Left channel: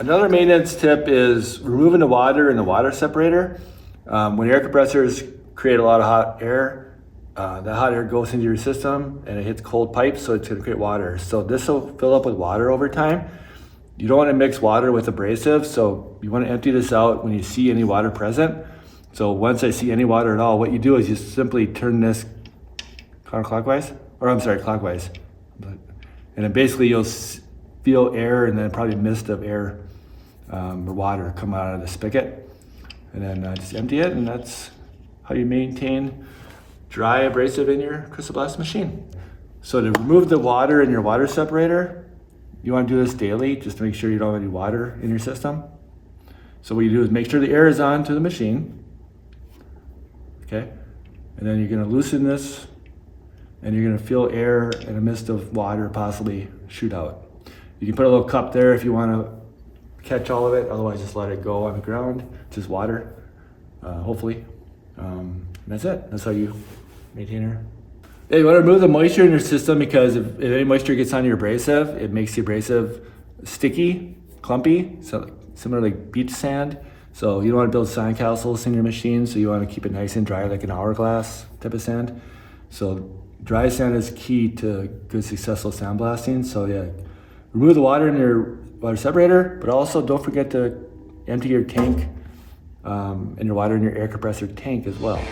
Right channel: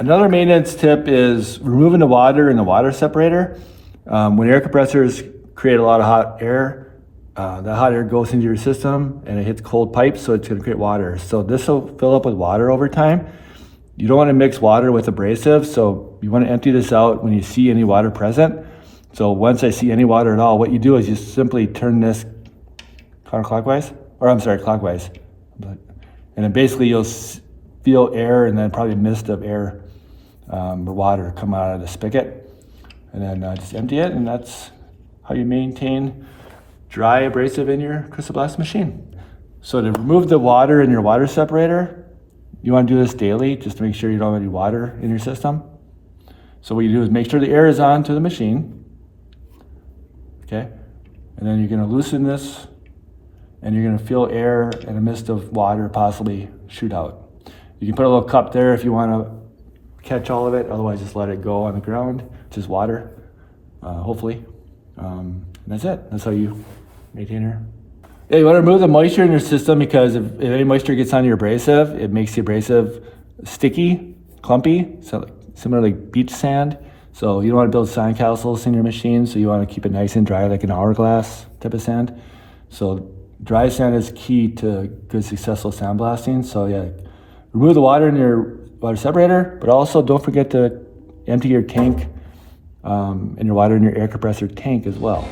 Another maintenance tip is removing the water in the water separator. When air compressors create a lot of hot air, that hot air goes into your system and it hits cold pipes, so it's going to create water. So this will fill up with water over time. You don't want to mix water with abrasive, so you want to empty this out when you see any water present. So once I see any water at all, what you do is you simply turn this clockwise, and then basically you'll feel air and then probably mist of air or water come out of the spigot, and then just empty it, and that's how you maintain dry abrasive in your CrystalBlast machine. So to remove the water in your water separator, you want to do this daily just to make sure you don't have any water in your system. So what you do is make sure the air is on to the machine, okay? And then you're going to loosen this, and you're going to feel air and a mist of water possibly shoot out. You can put a little cup there if you want to catch all of it, otherwise just let it go on the ground, just water, hopefully. That's it. That's how you maintain her. Yeah, you want to remove the moisture in your system, because if any moisture gets on your abrasive, it makes the abrasive sticky, clumpy, so similar like beach sand. So you don't want to build sandcastles in your machine, so you want to keep it nice and dry, like an hourglass type of sand. So dry sand is key to good successful sandblasting. So yeah, remove the water in your water separator, but also don't forget to empty your tank and your water in your air compressor tank as well.